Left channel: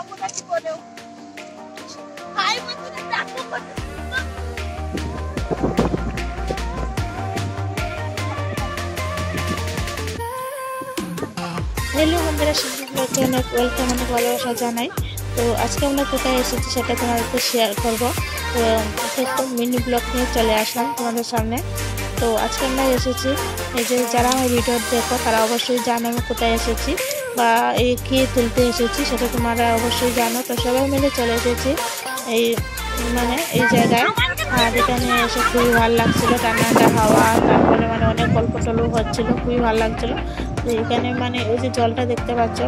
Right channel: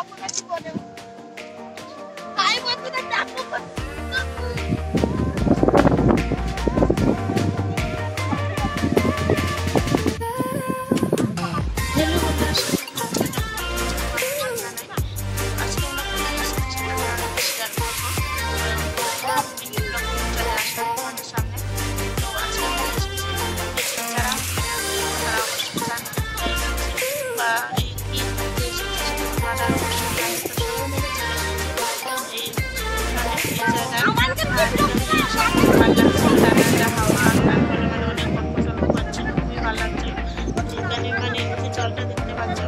Hello बंधुरा सबाइके अनेक welcome अनेक भालोबासा जानाई। तो आज के আমরা কোথায় এসেছি সেটা তোমাদেরকে শেয়ার করব। তো একটা মিনি ব্লগ নিয়ে চলে আসলাম তোমাদের সামনে। তো আজকে আমরা এসেছি এই যে যারা আমার ভিডিও দেখো তারা অবশ্যই জানে আমি কোথায় এসেছি বা এই কি তুলতে এসেছি সেটা তোমরা অবশ্যই জানো। তো সবাই মিলে চলে এসেছি এই মানে এই জায়গায়। আর এখানে এসে খুবই ভালো লাগছিল, ঠান্ডা হাওয়া, তারপরে মানে অনেক গল্প টল্প হচ্ছিল, খুবই ভালো লাগছিল। তো এখানে মানে ওই যে জলটা দেখতে পাচ্ছ,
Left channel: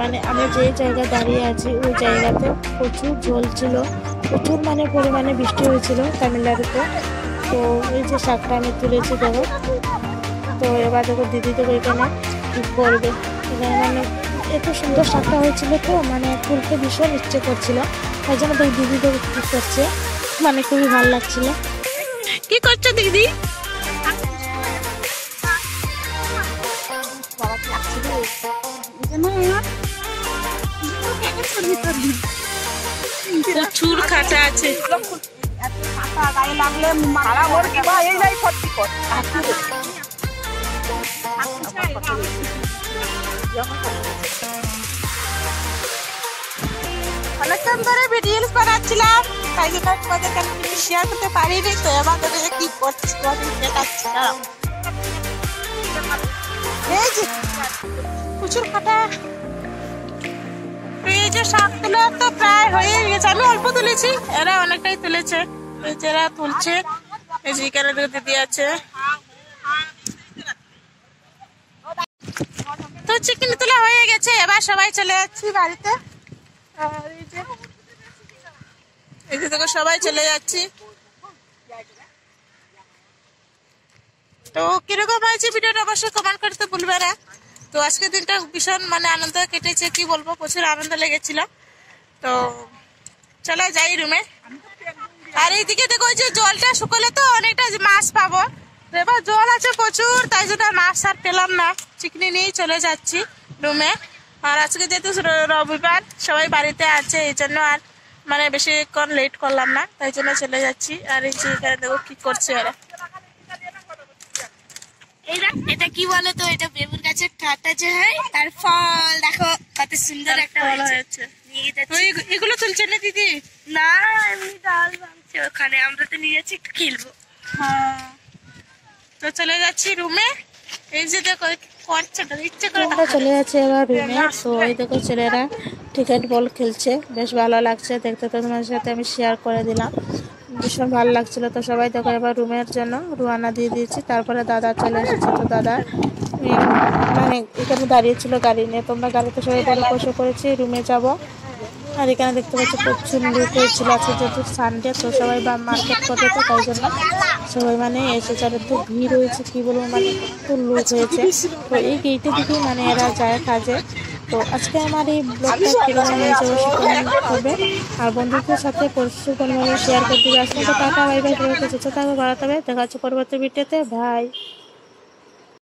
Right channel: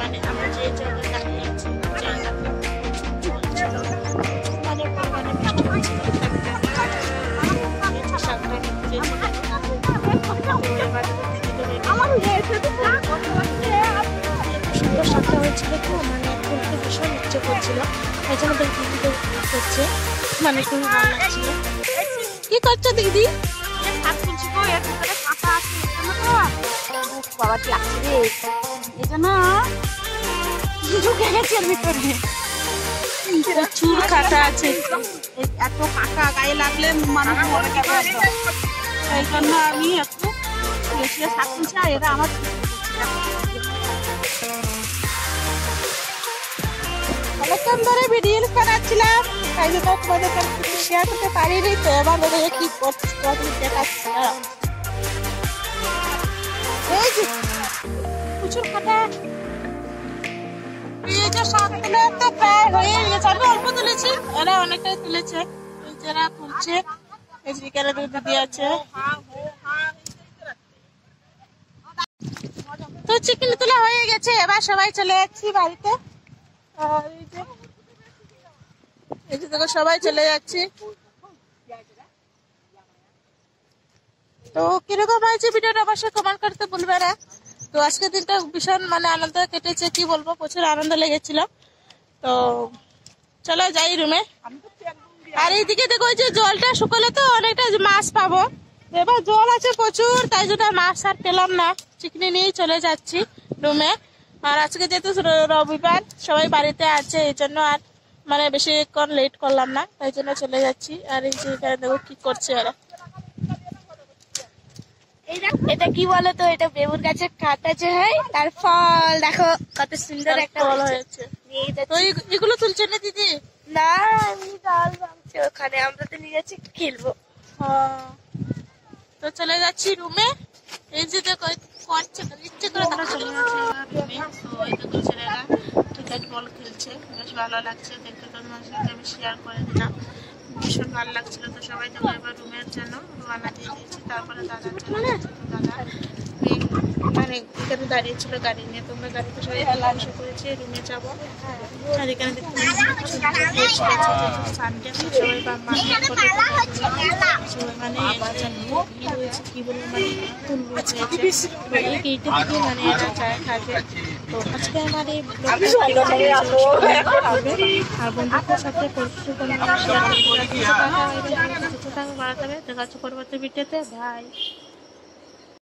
মানে আমরা যে জায়গায় দাঁড়িয়ে আছি ওই জায়গাতে প্রচুর জল ছিল, প্রচুর মানে পরিমাণে বৃষ্টি হয়েছিল তামিলনাড়ুতে। তো এই যে শাকটা আমি তুলেছি দেখো। তো এবার দেখো দিদি দেখো এখানে কী করবে, মানে এত সুন্দর শাকটা হয়েছিল তো মানে তুলতে ভীষণ ইচ্ছে করছিল, তাই জন্য ওই দিদি দেখো কী করছে, মানে খুবই ভালো লাগছিল। কি করছো দিদি? বাবা কি লাগছে রে এখানে, প্রচুর কাঁটা আছে, এত কাঁটা গায়ে লাগলে আমি অনেকক্ষণ ধরে ভিডিও বানাচ্ছিলাম, তাই জন্য তোমাদেরকে আমি কিছু শেয়ার করতে পারিনি। তো এবার কি করছি তোমাদের দেখাচ্ছি। এই যে প্রচুর কাঁটা, এই যে শাকগুলো তো প্রায় হয়ে গেছে, আমি অল্প তুলেছি, এরা অনেকটাই তুলেছে। এই যে এরা তুলছে, এই যে এখানে দিদি আছে। তো চিকেন তোলা হয়ে গেছে, এবার সবাই চলে যাচ্ছি বাড়িতে। আর এই যে দেখো সবাই চলে যাচ্ছি। তো কিরকম হয়েছে ভিডিওটা অবশ্যই কমেন্ট করতে ভুলবে না। তো আজকের দিনটা ভীষণ মানে আনন্দ কেটেছে, কি বলবো, প্রচুর আনন্দ লেগেছিল। তো চলো যাই রুমে। আর এইদিকে দেখো যে জলটা শুকলে তো অনেকটা মাছ পাবো, এবার জল আছে প্রচুর, তাই জন্য মাছ আর পেলাম না, চিকনি নিয়েই চলে যাচ্ছি রুমে। আর আজকে যেহেতু রবিবার সবাই বাড়িতে আছে, এই জন্য আর মানে বেশিক্ষণ লেট করলাম না, তাই জন্য চলে যাচ্ছি। আর এই যে এখানে দেখো কি করছে ওরা। এটা কি বলে তো, এটা বেগুন গাছের কাটা যে হয় তার ফল, দেখো কত সুন্দর একটা ফল হয়েছে। এগুলো তুলছে না দিদি? না এমনি ডাল ভাঙছে ওখানে, আমরা তো নিয়ে যাচ্ছি একটু খেলবো। হ্যাঁ তো চলে যাচ্ছি রুমে। এই যে দেখো ইচ্ছে করে চলে যাচ্ছে এবার রুমে। তো এই দেখো ছেলেরা ক্রিকেট বল খেলছে, বেশ ভালো লাগছে দেখতে। তো তোমার সাথে আমি শেয়ার করে দিলাম, ভীষণ ভালো লাগছিল। তো সবাই দেখো এবার রুমের জন্য রুয়ানা দিয়ে দিয়েছি। তারপরে দাদা চলে এসেছে, তো দাদা মানে এখানে দাঁড়িয়েছিল গাড়ি নিয়ে। তোমরা গাড়িতে সবাই বসে পড়েছি, রুমে যাব। আর এখানে দেখতে পাচ্ছি প্রচুর লোক হয়েছিল, আছে যেহেতু সানডে, তো সবাই বা মার্কেট করে, তো তাই জন্য সবাই মানে এসেছে। আর একটু ভিড় হয়েছে, কি বলবো, মানে ফুল লোক হয়েছে। তো এই গেটে দিকে মানে এরা যায় কাজে। তো আজকে আমার এই ব্লগটা করবে আর বন্ধুদের সাথে পরিচিত শেয়ার করতে আসলে। তো টাটা বাই বাই, দেখা হচ্ছে পরবর্তী ভিডিওতে, বাই।